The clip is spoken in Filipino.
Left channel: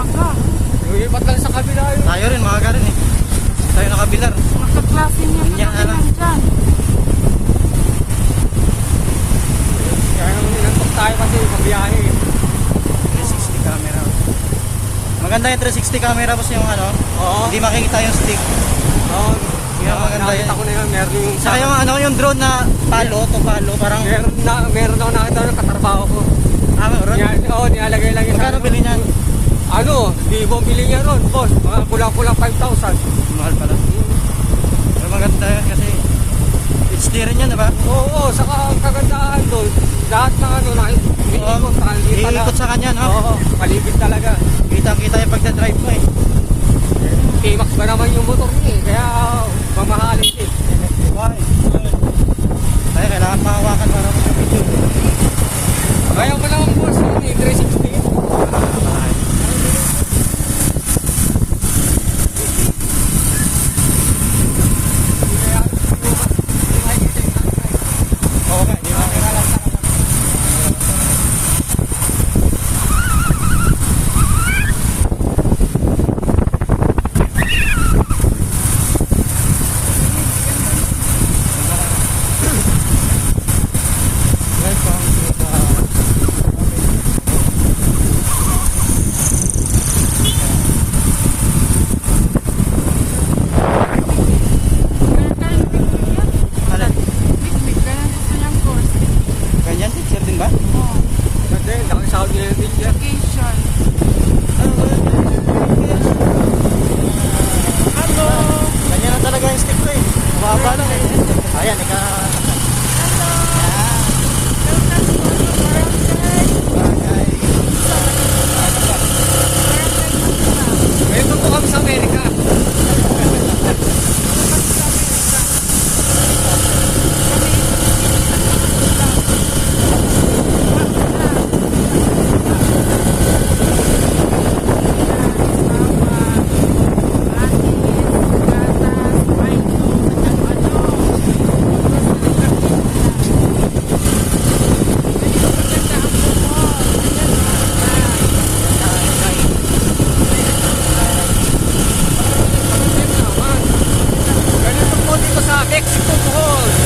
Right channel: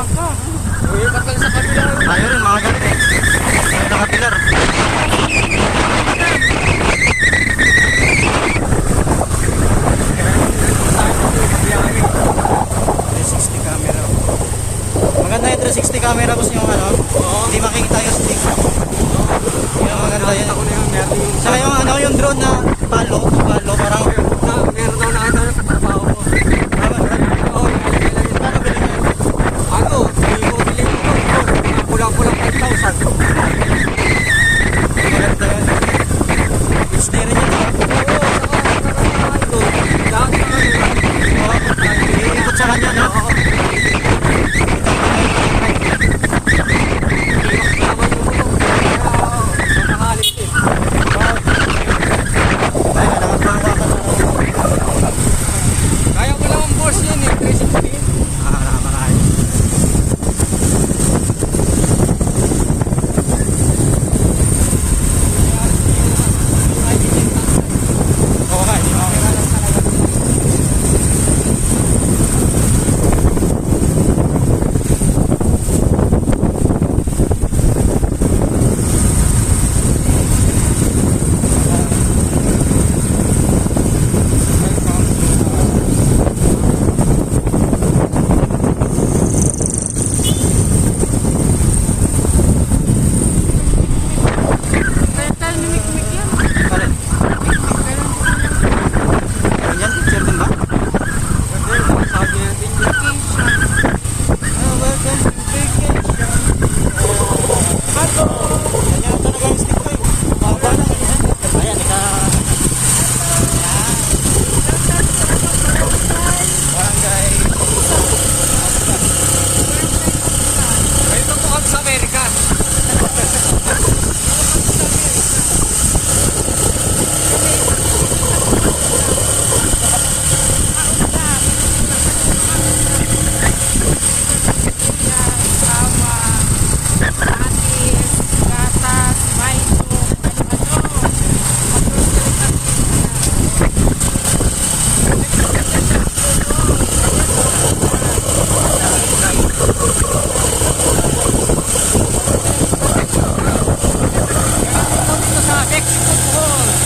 Aga. Ba't lang sa kabila? Tayo rin mga galit eh. Tayo nakapilar. Tayo kasi sa biyahe. 360 camera. Maganda yung 360 camera boss yung ano. Hindi makikita yung stick. Yung maganda yan. Ako na yung meron yung... Saka yung ano, yung drone na palo, parang... Meron na nakita yung katrabaho ko. Meron? Oo, nilalagay lang yun. Magkano bilhin yan? Ano, hindi ko bilhin yan. Kulang-kulang 5,000. Maganda yan. HD rin yan, diba? Oo, saka kagandahan doon. Lahat na ano lang. Iikot sa kanya, no? Oo, malilit ka naman. Kita-kita yung pagka-drive. Kimak na naman yung motor. Kaya, mamahalit eh. Ay, kailangan mahawakan na naman. Kaya mo lang ang course yun eh, 360. Oo nga, hindi makakira lang talaga. Metal lumikmik yan. Alin? Ganun Ganyan, picture din ba? Okay, nakasabi yung video. Hello! Ganyan na talaga yung stick ko eh. Mababa lang eh. Ayan, barangay. Eh, ito kami sa Amerika. Ganun po dito sa Mexico Bohol.